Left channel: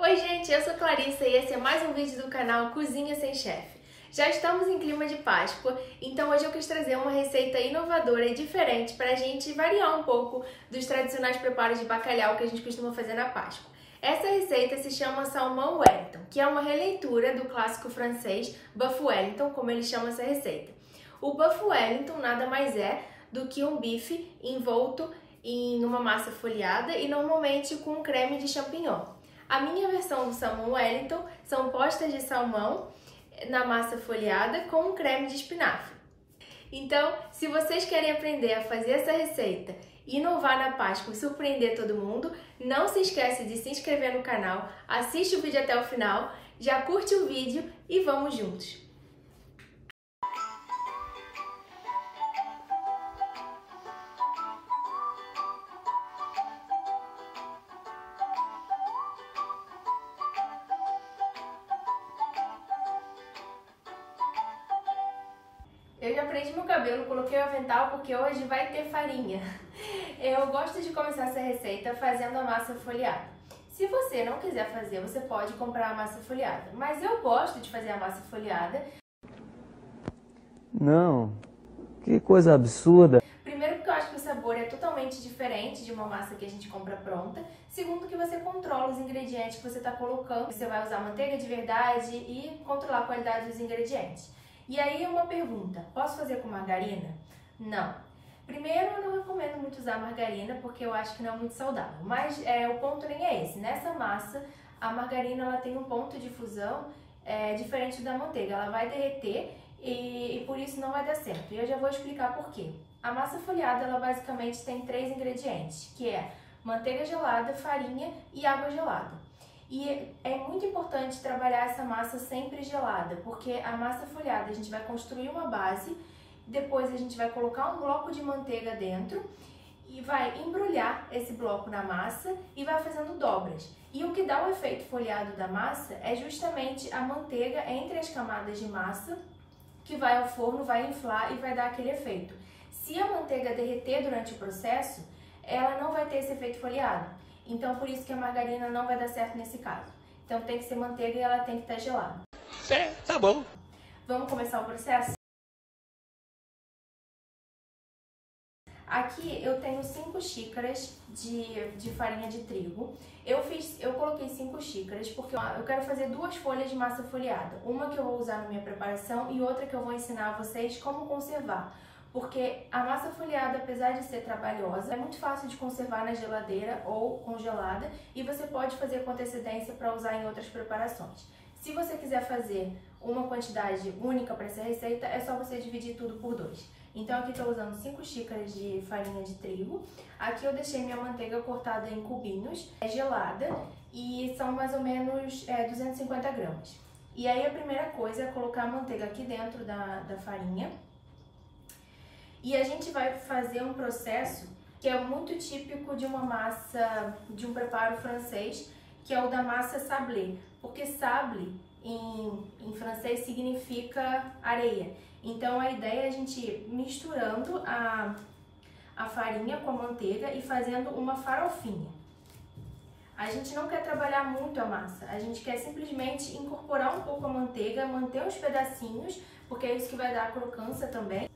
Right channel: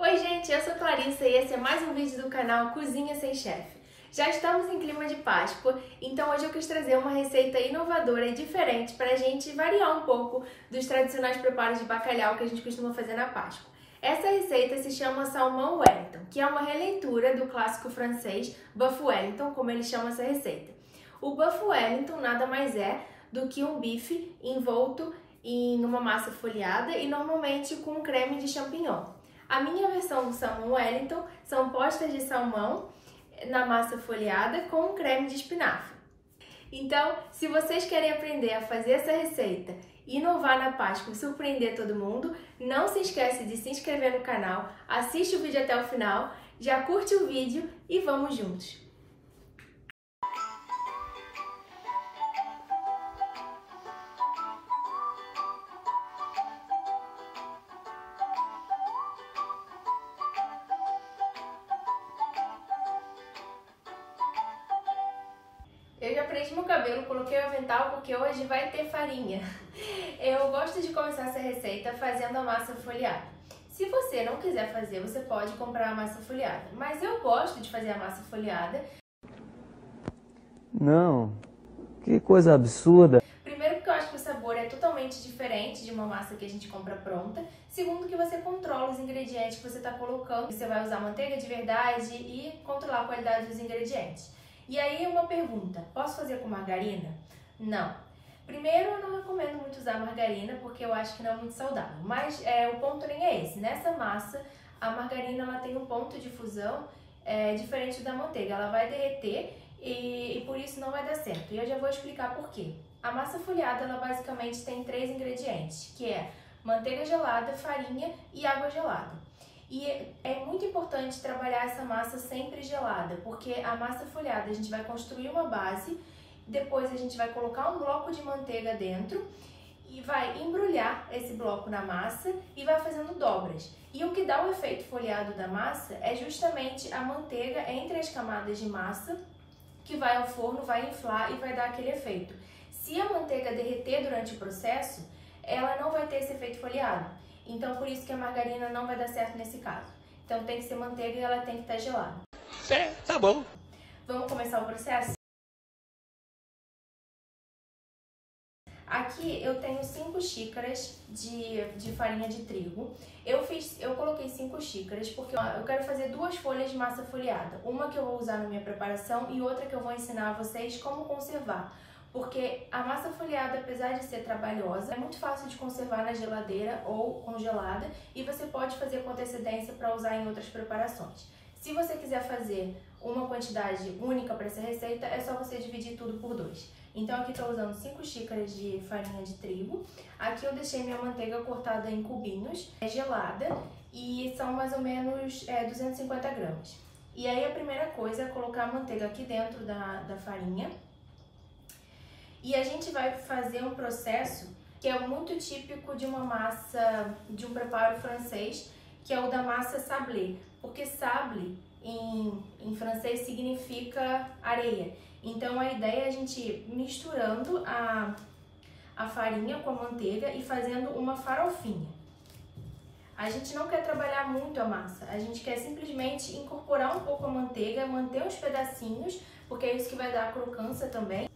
Oi gente, eu sou Clarissa e esse é mais um vídeo do canal Cozinha Sem Chefe. Já estamos em clima de Páscoa, então hoje eu quis trazer uma receita inovadora e diferente para a gente variar um pouco dos tradicionais preparos de bacalhau que a gente costuma fazer na Páscoa. Essa receita se chama Salmão Wellington, que é uma releitura do clássico francês Buff Wellington, como eles chamam essa receita. O Buff Wellington nada mais é do que um bife envolto em uma massa folhada e normalmente com um creme de champignon. A minha versão do Salmão Wellington são postas de salmão na massa folhada com um creme de espinafre. Então, se vocês querem aprender a fazer essa receita, inovar na Páscoa e surpreender todo mundo, não se esquece de se inscrever no canal, assiste o vídeo até o final, já curte o vídeo e vamos juntos! Eu já prendi meu cabelo, coloquei o avental porque hoje vai ter farinha. Eu gosto de começar essa receita fazendo a massa folhada. Se você não quiser fazer, você pode comprar a massa folhada. Mas eu gosto de fazer a massa folhada. Não, que coisa absurda. Primeiro porque eu acho que o sabor é totalmente diferente de uma massa que a gente compra pronta. Segundo que você controla os ingredientes que você está colocando. Você vai usar manteiga de verdade e controlar a qualidade dos ingredientes. E aí uma pergunta, posso fazer com margarina? Não. Primeiro, eu não recomendo muito usar margarina porque eu acho que não é muito saudável, mas o ponto nem é esse. Nessa massa, a margarina ela tem um ponto de fusão diferente da manteiga, ela vai derreter e por isso não vai dar certo. E eu já vou explicar por quê. A massa folhada, ela basicamente tem 3 ingredientes, que é manteiga gelada, farinha e água gelada. E é muito importante trabalhar essa massa sempre gelada, porque a massa folhada a gente vai construir uma base, depois a gente vai colocar um bloco de manteiga dentro e vai embrulhar esse bloco na massa e vai fazendo dobras. E o que dá o efeito folhado da massa é justamente a manteiga entre as camadas de massa, que vai ao forno, vai inflar e vai dar aquele efeito. Se a manteiga derreter durante o processo, ela não vai ter esse efeito folhado. Então, por isso que a margarina não vai dar certo nesse caso. Então, tem que ser manteiga e ela tem que estar gelada. Tá bom. Vamos começar o processo? Aqui eu tenho 5 xícaras de farinha de trigo. Eu coloquei 5 xícaras porque eu quero fazer 2 folhas de massa folhada. Uma que eu vou usar na minha preparação e outra que eu vou ensinar a vocês como conservar. Porque a massa folhada, apesar de ser trabalhosa, é muito fácil de conservar na geladeira ou congelada e você pode fazer com antecedência para usar em outras preparações. Se você quiser fazer uma quantidade única para essa receita, é só você dividir tudo por 2. Então aqui estou usando 5 xícaras de farinha de trigo. Aqui eu deixei minha manteiga cortada em cubinhos, gelada, e são mais ou menos 250 gramas. E aí a primeira coisa é colocar a manteiga aqui dentro da farinha. E a gente vai fazer um processo que é muito típico de uma massa, de um preparo francês, que é o da massa sablé. Porque sablé em francês significa areia. Então a ideia é a gente ir misturando a farinha com a manteiga e fazendo uma farofinha. A gente não quer trabalhar muito a massa, a gente quer simplesmente incorporar um pouco a manteiga, manter uns pedacinhos, porque é isso que vai dar a crocância também.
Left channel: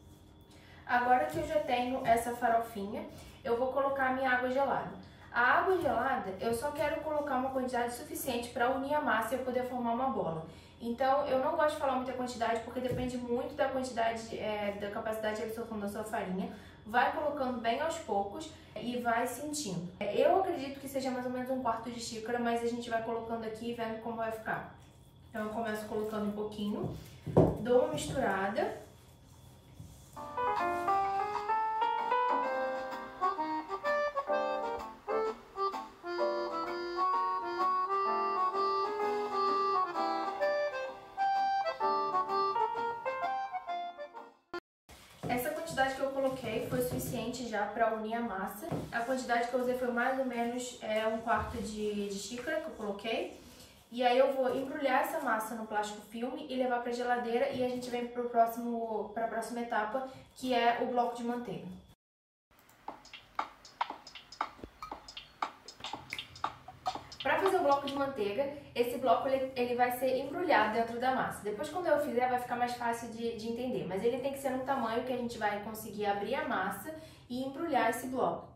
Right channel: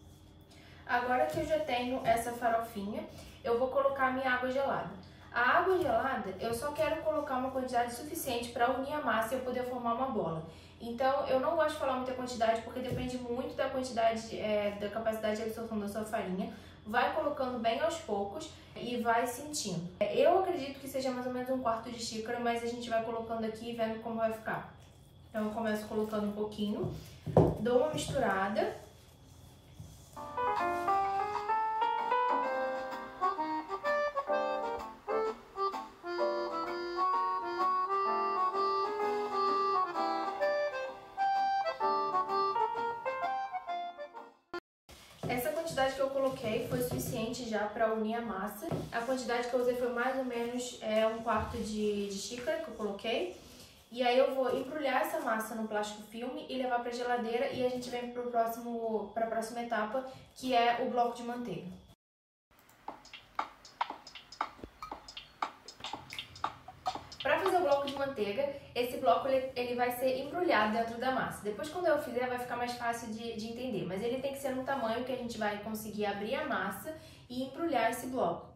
Agora que eu já tenho essa farofinha, eu vou colocar a minha água gelada. A água gelada, eu só quero colocar uma quantidade suficiente para unir a massa e eu poder formar uma bola. Então, eu não gosto de falar muita quantidade, porque depende muito da quantidade, da capacidade de absorção da sua farinha. Vai colocando bem aos poucos e vai sentindo. Eu acredito que seja mais ou menos 1/4 de xícara, mas a gente vai colocando aqui e vendo como vai ficar. Então, eu começo colocando um pouquinho, dou uma misturada. Essa quantidade que eu coloquei foi suficiente já para unir a massa. A quantidade que eu usei foi mais ou menos 1/4 de xícara que eu coloquei. E aí eu vou embrulhar essa massa no plástico filme e levar para a geladeira e a gente vem para a próxima etapa, que é o bloco de manteiga. Para fazer o bloco de manteiga, esse bloco ele vai ser embrulhado dentro da massa. Depois, quando eu fizer, vai ficar mais fácil de entender. Mas ele tem que ser num tamanho que a gente vai conseguir abrir a massa e embrulhar esse bloco.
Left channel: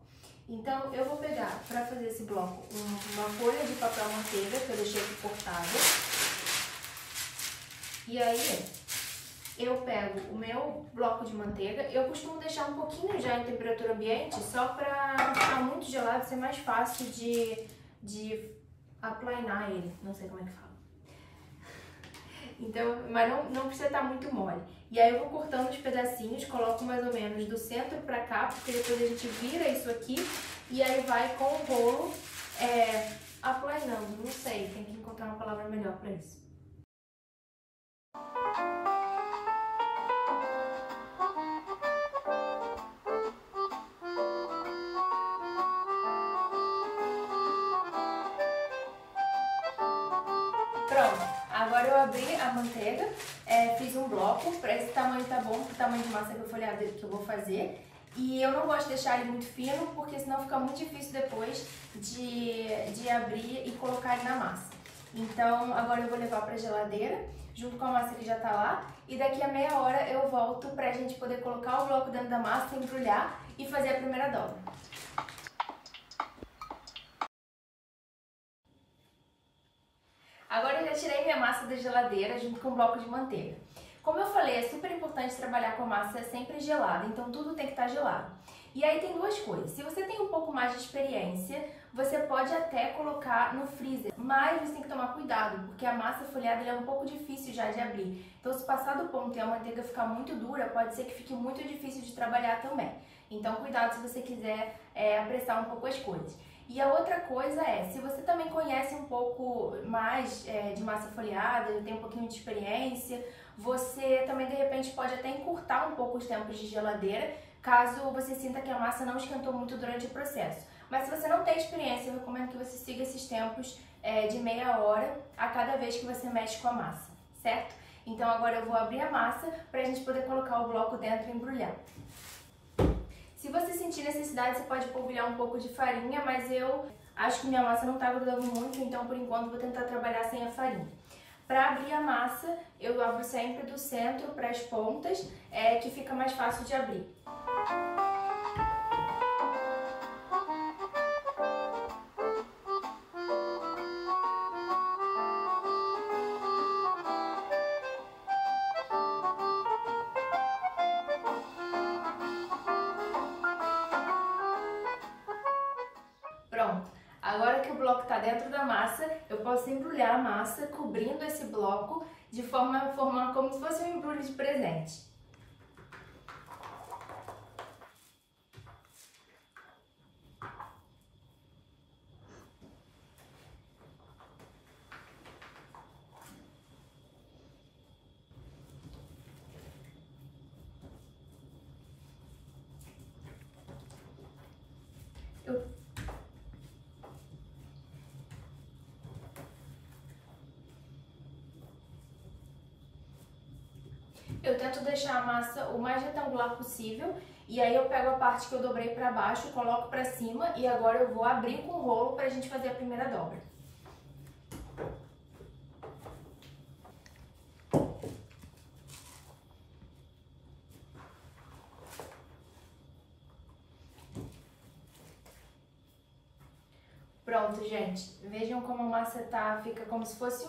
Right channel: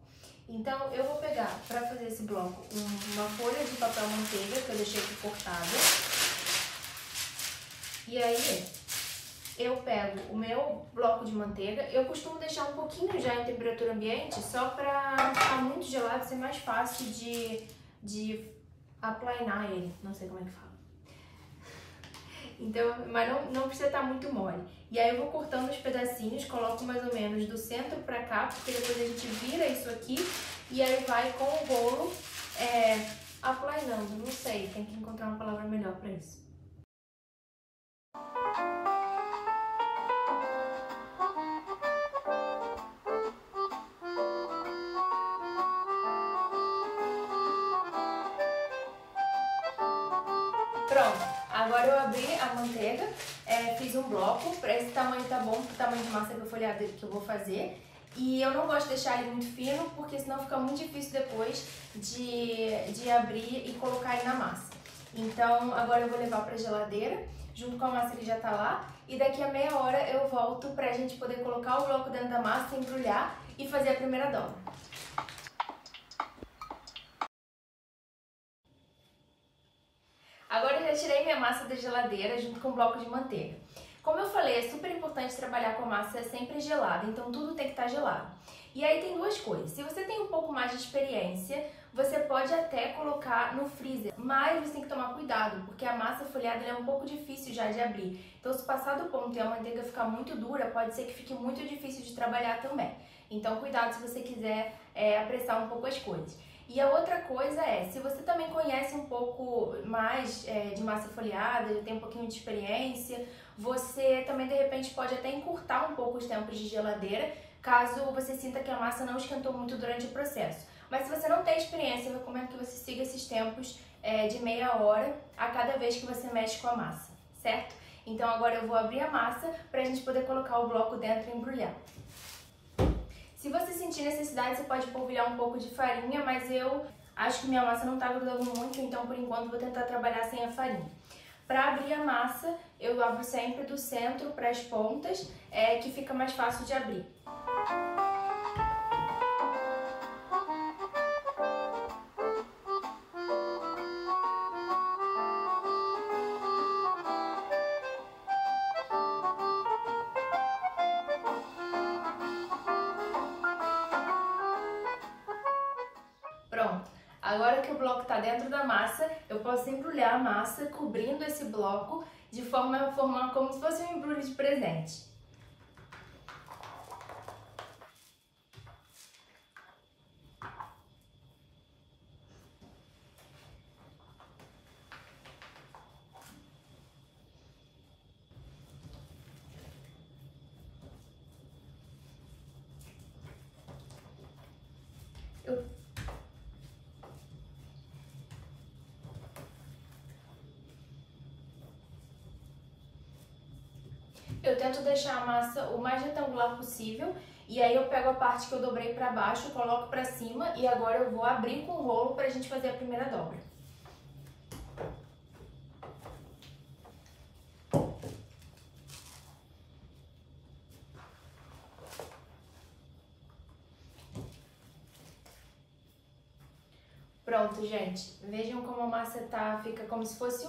Então, eu vou pegar, para fazer esse bloco, uma folha de papel manteiga, que eu deixei aqui cortada. E aí, eu pego o meu bloco de manteiga. Eu costumo deixar um pouquinho já em temperatura ambiente, só para não ficar muito gelado, ser mais fácil de aplainar ele, não sei como é que fala. Então, mas não precisa estar muito mole. E aí eu vou cortando os pedacinhos, coloco mais ou menos do centro pra cá, porque depois a gente vira isso aqui e aí vai com o rolo aplainando, não sei, tem que encontrar uma palavra melhor pra isso. Pronto, agora eu abri a manteiga, fiz um bloco, para esse tamanho tá bom, pro tamanho de massa folhada que eu vou fazer. E eu não gosto de deixar ele muito fino, porque senão fica muito difícil depois de abrir e colocar ele na massa. Então agora eu vou levar pra geladeira, junto com a massa que já tá lá. E daqui a meia hora eu volto pra gente poder colocar o bloco dentro da massa, embrulhar e fazer a primeira dobra. Agora eu já tirei minha massa da geladeira junto com o bloco de manteiga. Como eu falei, é super importante trabalhar com a massa sempre gelada, então tudo tem que estar gelado. E aí tem duas coisas. Se você tem um pouco mais de experiência, você pode até colocar no freezer, mas você tem que tomar cuidado, porque a massa folhada é um pouco difícil já de abrir. Então se passar do ponto e a manteiga ficar muito dura, pode ser que fique muito difícil de trabalhar também. Então cuidado se você quiser apressar um pouco as coisas. E a outra coisa se você também conhece um pouco mais de massa folhada, já tem um pouquinho de experiência, você também de repente pode até encurtar um pouco os tempos de geladeira, caso você sinta que a massa não esquentou muito durante o processo. Mas se você não tem experiência, eu recomendo que você siga esses tempos de meia hora a cada vez que você mexe com a massa, certo? Então agora eu vou abrir a massa para a gente poder colocar o bloco dentro e embrulhar. Se você sentir necessidade, você pode polvilhar um pouco de farinha, mas eu acho que minha massa não está grudando muito, então por enquanto vou tentar trabalhar sem a farinha. Para abrir a massa, eu abro sempre do centro para as pontas, que fica mais fácil de abrir. Pronto, agora que o bloco está dentro da massa, eu posso embrulhar a massa cobrindo esse bloco de forma a formar como se fosse um embrulho de presente. Eu tento deixar a massa o mais retangular possível e aí eu pego a parte que eu dobrei para baixo, coloco para cima e agora eu vou abrir com o rolo para a gente fazer a primeira dobra. Pronto, gente. Vejam como a massa fica como se fosse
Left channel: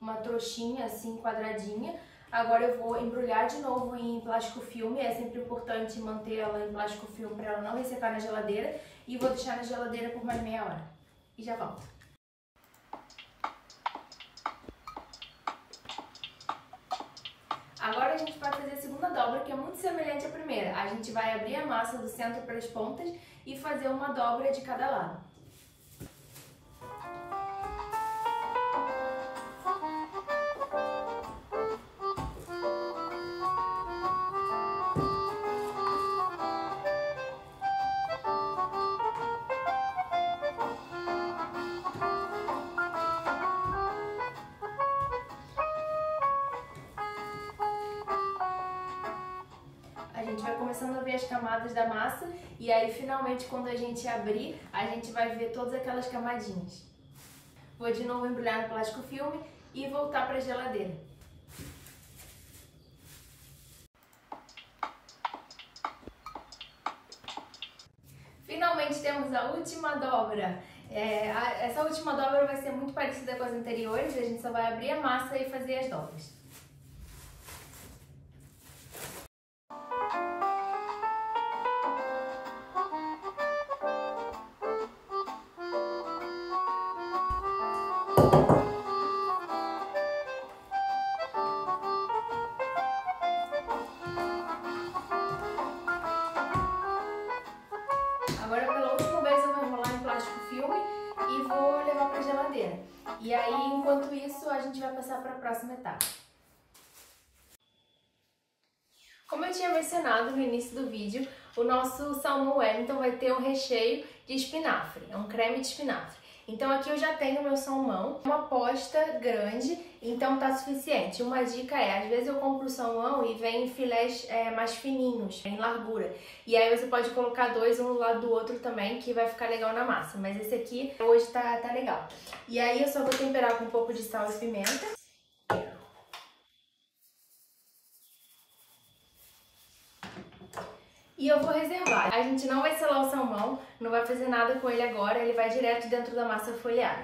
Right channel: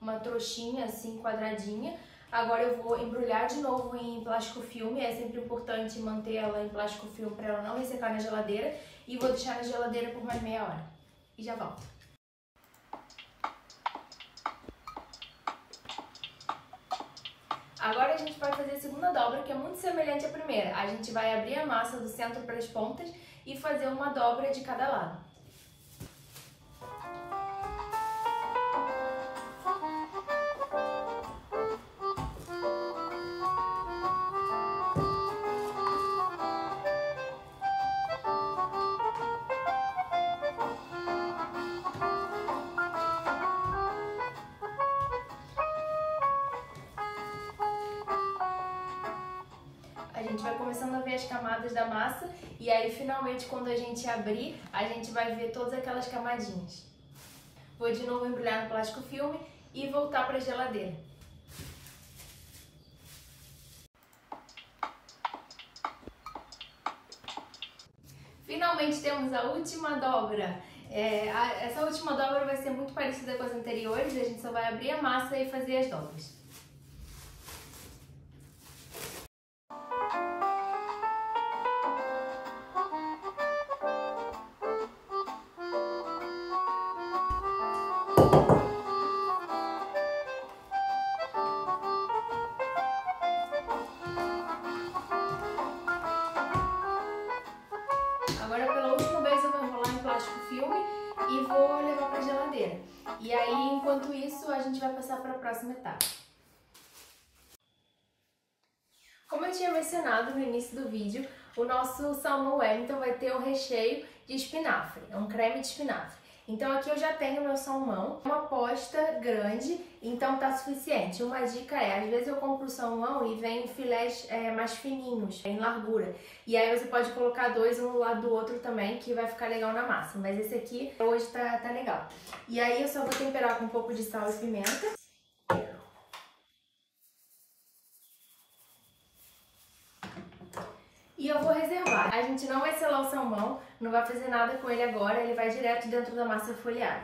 uma trouxinha assim, quadradinha. Agora eu vou embrulhar de novo em plástico filme, é sempre importante manter ela em plástico filme para ela não ressecar na geladeira. E vou deixar na geladeira por mais meia hora. E já volto. Agora a gente vai fazer a segunda dobra, que é muito semelhante à primeira. A gente vai abrir a massa do centro para as pontas e fazer uma dobra de cada lado. A gente vai começando a ver as camadas da massa e aí finalmente quando a gente abrir, a gente vai ver todas aquelas camadinhas. Vou de novo embrulhar no plástico filme e voltar para a geladeira. Finalmente temos a última dobra. Essa última dobra vai ser muito parecida com as anteriores, a gente só vai abrir a massa e fazer as dobras. Agora, pela última vez, eu vou enrolar em plástico filme e vou levar para a geladeira. E aí, enquanto isso, a gente vai passar para a próxima etapa. Como eu tinha mencionado no início do vídeo, o nosso salmão Wellington vai ter um recheio de espinafre, é um creme de espinafre. Então aqui eu já tenho meu salmão, uma posta grande, então tá suficiente. Uma dica é, às vezes eu compro o salmão e vem filés mais fininhos, em largura. E aí você pode colocar dois um do lado do outro também, que vai ficar legal na massa. Mas esse aqui hoje tá legal. E aí eu só vou temperar com um pouco de sal e pimenta. E eu vou reservar. A gente não vai selar o salmão, não vai fazer nada com ele agora, ele vai direto dentro da massa folhada.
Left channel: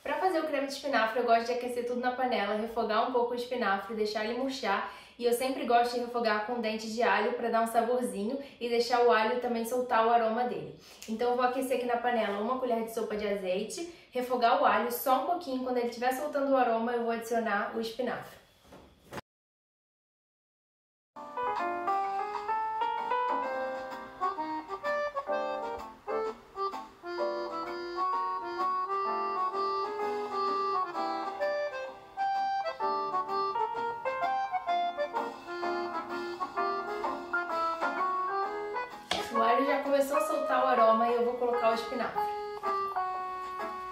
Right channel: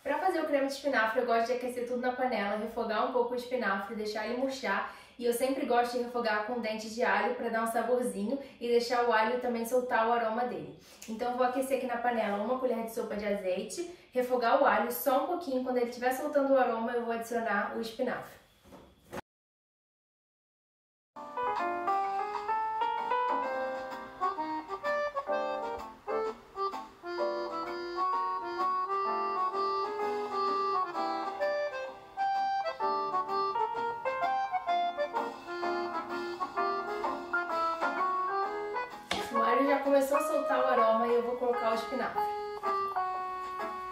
Para fazer o creme de espinafre, eu gosto de aquecer tudo na panela, refogar um pouco o espinafre, deixar ele murchar. E eu sempre gosto de refogar com dente de alho para dar um saborzinho e deixar o alho também soltar o aroma dele. Então eu vou aquecer aqui na panela uma colher de sopa de azeite, refogar o alho só um pouquinho, quando ele estiver soltando o aroma eu vou adicionar o espinafre. O alho já começou a soltar o aroma e eu vou colocar o espinafre.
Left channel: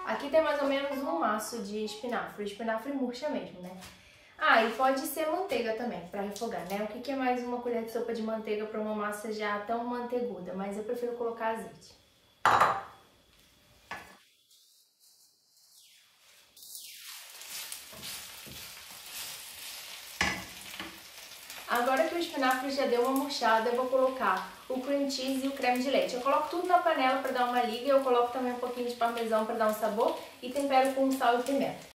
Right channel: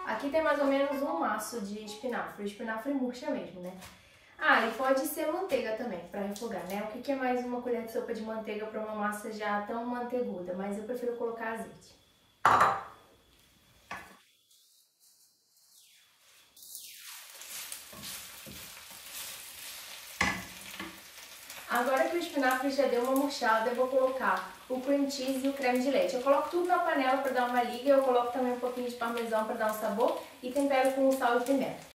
Aqui tem mais ou menos um maço de espinafre. O espinafre murcha mesmo, né? Ah, e pode ser manteiga também, para refogar, né? O que é mais uma colher de sopa de manteiga para uma massa já tão manteiguda? Mas eu prefiro colocar azeite. Agora que o espinafre já deu uma murchada, eu vou colocar o cream cheese e o creme de leite. Eu coloco tudo na panela para dar uma liga, eu coloco também um pouquinho de parmesão para dar um sabor e tempero com sal e pimenta.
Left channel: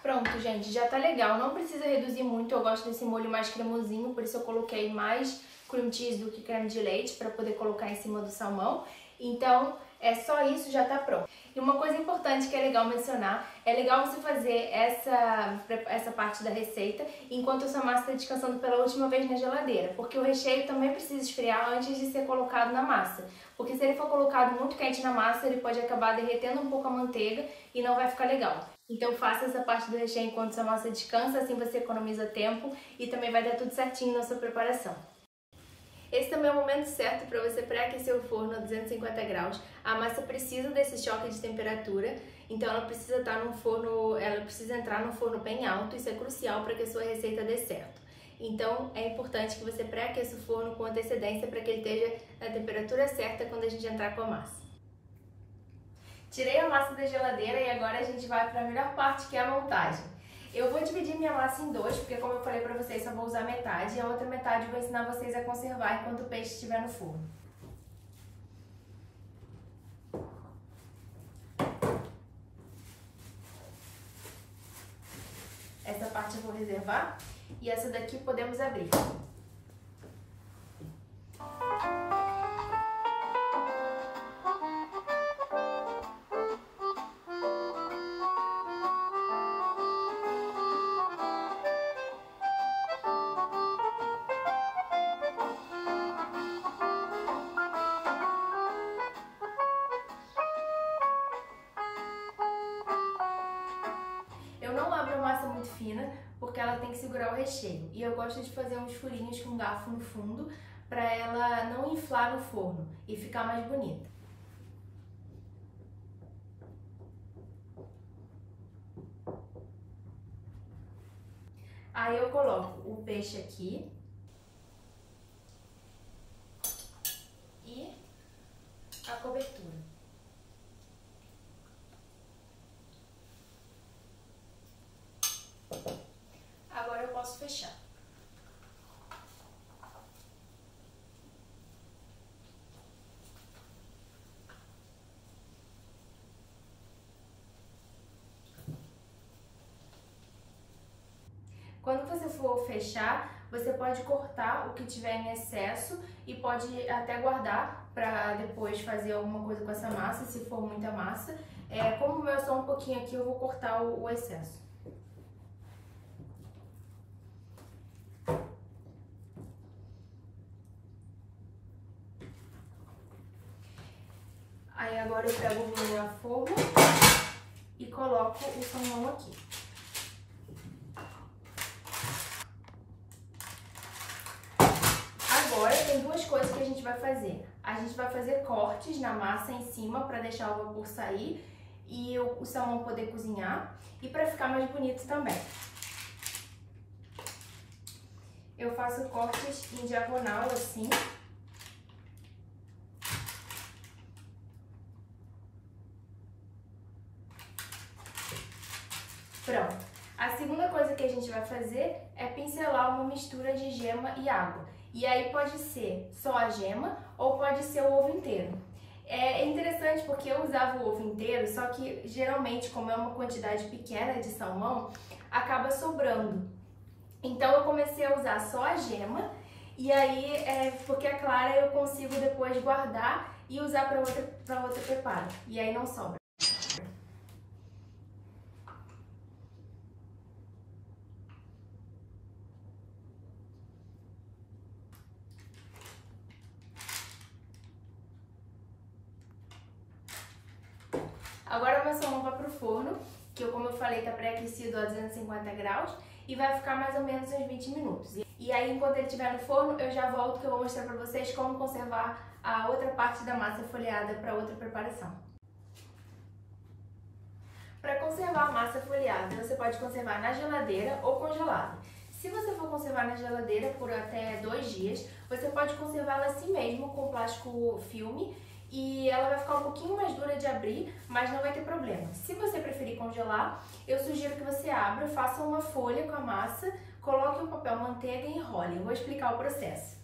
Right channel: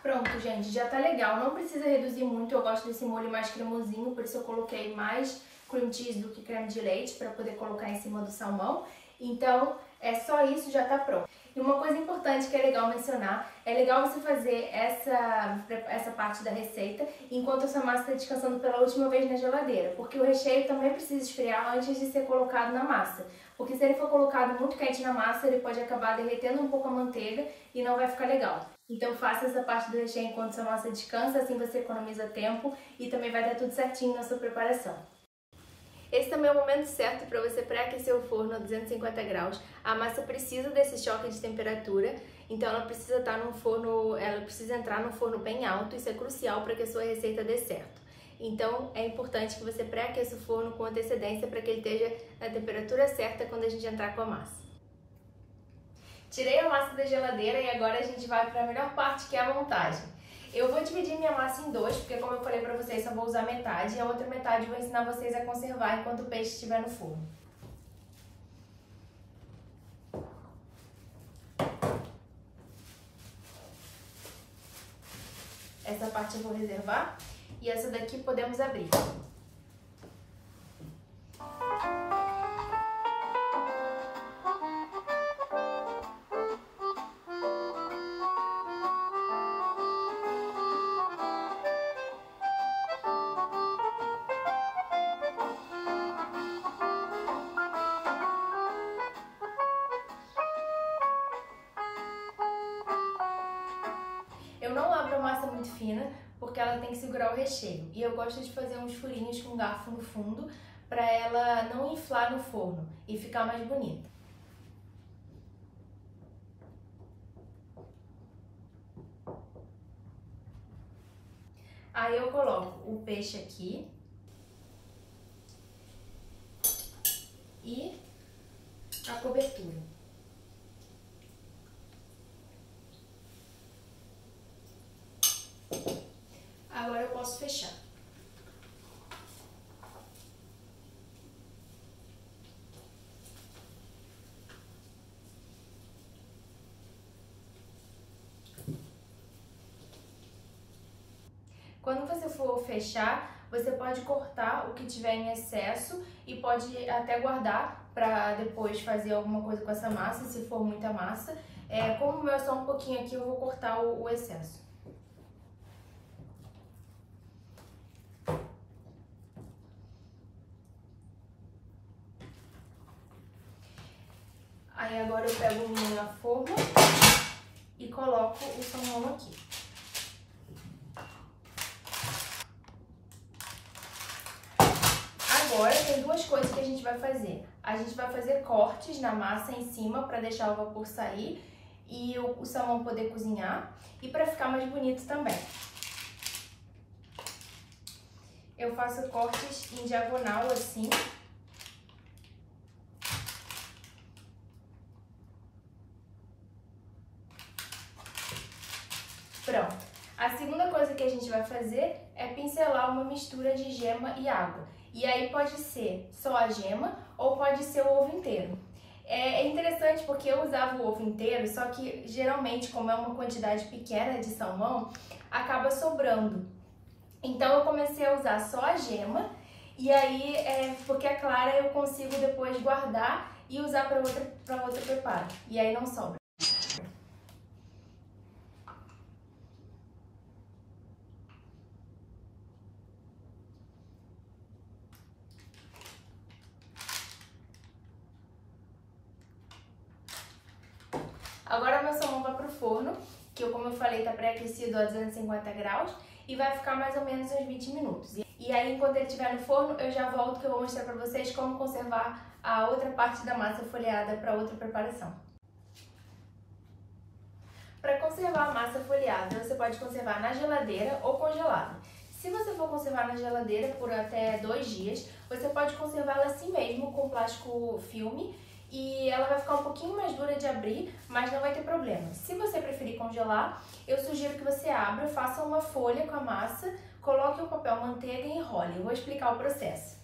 Pronto, gente, já tá legal. Não precisa reduzir muito, eu gosto desse molho mais cremosinho, por isso eu coloquei mais cream cheese do que creme de leite para poder colocar em cima do salmão. Então, é só isso, já tá pronto. E uma coisa importante que é legal mencionar, é legal você fazer essa parte da receita enquanto a sua massa está descansando pela última vez na geladeira, porque o recheio também precisa esfriar antes de ser colocado na massa. Porque se ele for colocado muito quente na massa, ele pode acabar derretendo um pouco a manteiga e não vai ficar legal. Então faça essa parte do recheio enquanto sua massa descansa, assim você economiza tempo e também vai dar tudo certinho na sua preparação. Esse também é o momento certo para você pré-aquecer o forno a 250 graus. A massa precisa desse choque de temperatura, então ela precisa estar num forno, ela precisa entrar num forno bem alto, isso é crucial para que a sua receita dê certo. Então é importante que você pré-aqueça o forno com antecedência para que ele esteja na temperatura certa quando a gente entrar com a massa. Tirei a massa da geladeira e agora a gente vai para a melhor parte, que é a montagem. Eu vou dividir minha massa em dois, porque como eu falei pra vocês, só vou usar metade. E a outra metade eu vou ensinar vocês a conservar enquanto o peixe estiver no forno. Essa parte eu vou reservar e essa daqui podemos abrir. não abro a massa muito fina, porque ela tem que segurar o recheio. E eu gosto de fazer uns furinhos com garfo no fundo, para ela não inflar no forno e ficar mais bonita. Aí eu coloco o peixe aqui e a cobertura. Agora eu posso fechar. Quando você for fechar, você pode cortar o que tiver em excesso e pode até guardar para depois fazer alguma coisa com essa massa, se for muita massa. Como o meu é só um pouquinho aqui, eu vou cortar o excesso. Aí agora eu pego minha forma e coloco o salmão aqui. Agora tem duas coisas que a gente vai fazer. A gente vai fazer cortes na massa em cima para deixar o vapor sair e o salmão poder cozinhar e para ficar mais bonito também. Eu faço cortes em diagonal assim. Pronto. A segunda coisa que a gente vai fazer é pincelar uma mistura de gema e água. E aí pode ser só a gema ou pode ser o ovo inteiro. É interessante porque eu usava o ovo inteiro, só que geralmente, como é uma quantidade pequena de salmão, acaba sobrando. Então eu comecei a usar só a gema e aí, porque a clara eu consigo depois guardar e usar para outra preparo. E aí não sobra. Agora meu salmão vai pro forno, que como eu falei, tá pré-aquecido a 250 graus e vai ficar mais ou menos uns 20 minutos. E aí, enquanto ele estiver no forno, eu já volto que eu vou mostrar pra vocês como conservar a outra parte da massa folheada para outra preparação. Para conservar a massa folheada, você pode conservar na geladeira ou congelada. Se você for conservar na geladeira por até 2 dias, você pode conservá-la assim mesmo, com plástico filme, e ela vai ficar um pouquinho mais dura de abrir, mas não vai ter problema. Se você preferir congelar, eu sugiro que você abra, faça uma folha com a massa, coloque um papel manteiga e enrole. Eu vou explicar o processo.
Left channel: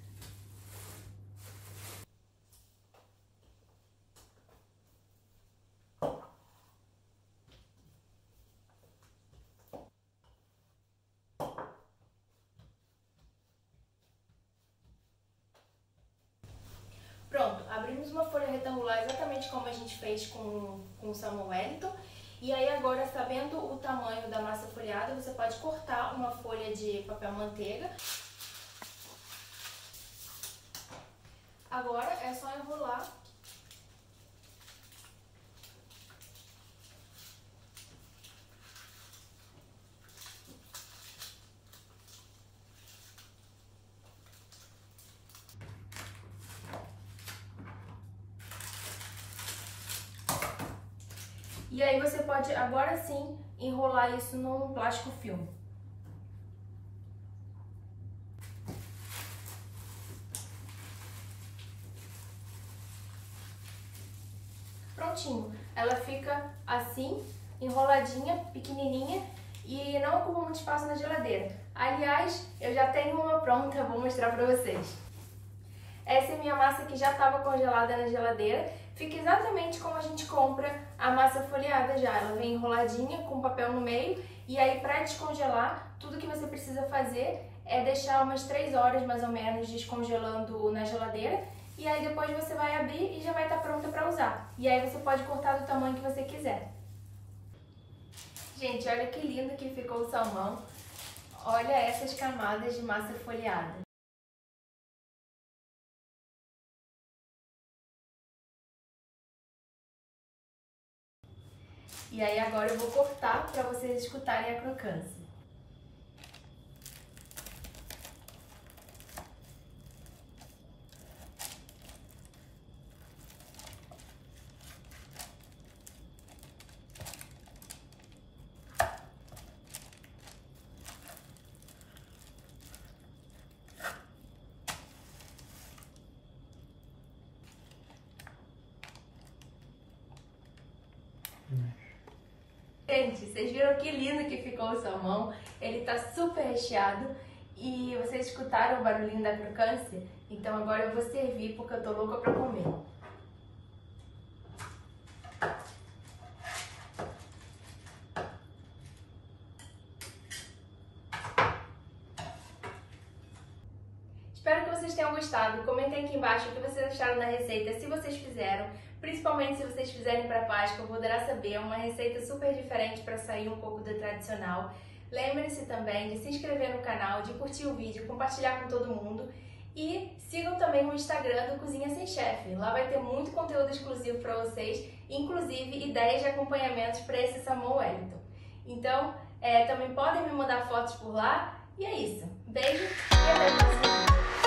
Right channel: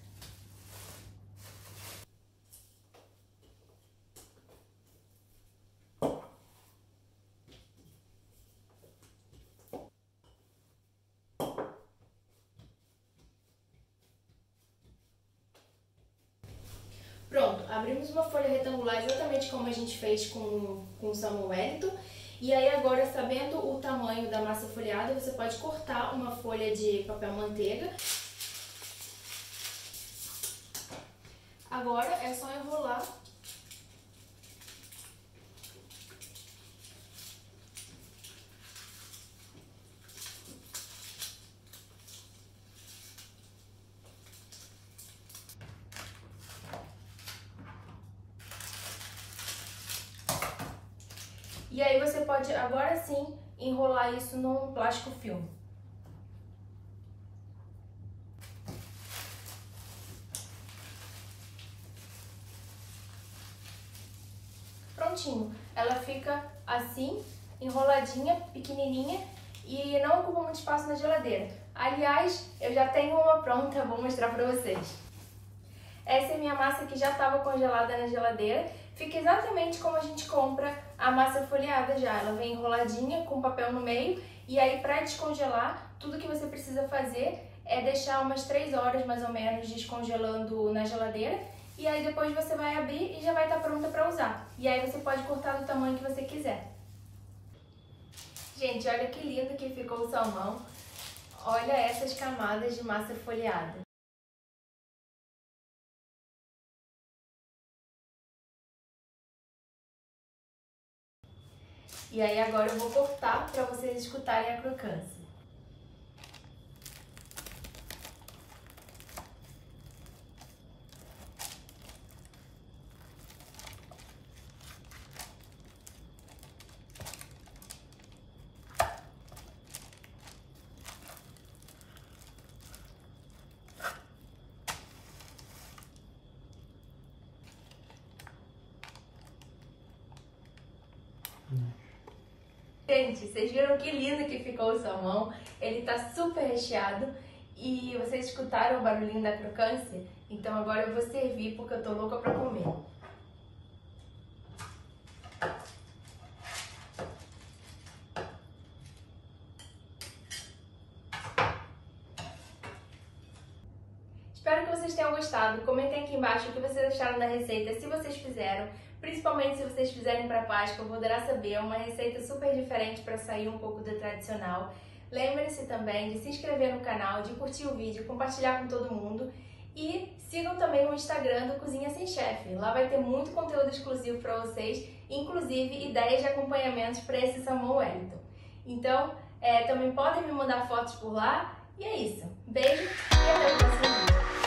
Pronto, abrimos uma folha retangular exatamente como a gente fez com o salmão Wellington. E aí agora, sabendo o tamanho da massa folhada, você pode cortar uma folha de papel manteiga. Agora é só enrolar . E aí você pode, agora sim, enrolar isso num plástico filme. Prontinho. Ela fica assim, enroladinha, pequenininha e não ocupa muito espaço na geladeira. Aliás, eu já tenho uma pronta, vou mostrar pra vocês. Essa é minha massa que já estava congelada na geladeira. Fica exatamente como a gente compra a massa folheada já. Ela vem enroladinha com papel no meio. E aí, para descongelar, tudo que você precisa fazer é deixar umas 3 horas mais ou menos descongelando na geladeira. E aí depois você vai abrir e já vai estar pronta para usar. E aí você pode cortar do tamanho que você quiser. Gente, olha que lindo que ficou o salmão. Olha essas camadas de massa folheada. E aí agora eu vou cortar para vocês escutarem a crocância. Gente, vocês viram que lindo que ficou o salmão? Ele tá super recheado e vocês escutaram o barulhinho da crocância? Então agora eu vou servir porque eu tô louca pra comer. Espero que vocês tenham gostado. Comentem aqui embaixo o que vocês acharam da receita, se vocês fizeram. Principalmente se vocês fizerem para Páscoa, eu vou adorar saber. É uma receita super diferente para sair um pouco do tradicional. Lembrem-se também de se inscrever no canal, de curtir o vídeo, compartilhar com todo mundo. E sigam também o Instagram do Cozinha Sem Chefe. Lá vai ter muito conteúdo exclusivo para vocês, inclusive ideias de acompanhamentos para esse salmão Wellington. Então, também podem me mandar fotos por lá. E é isso. Beijo e até o próximo vídeo.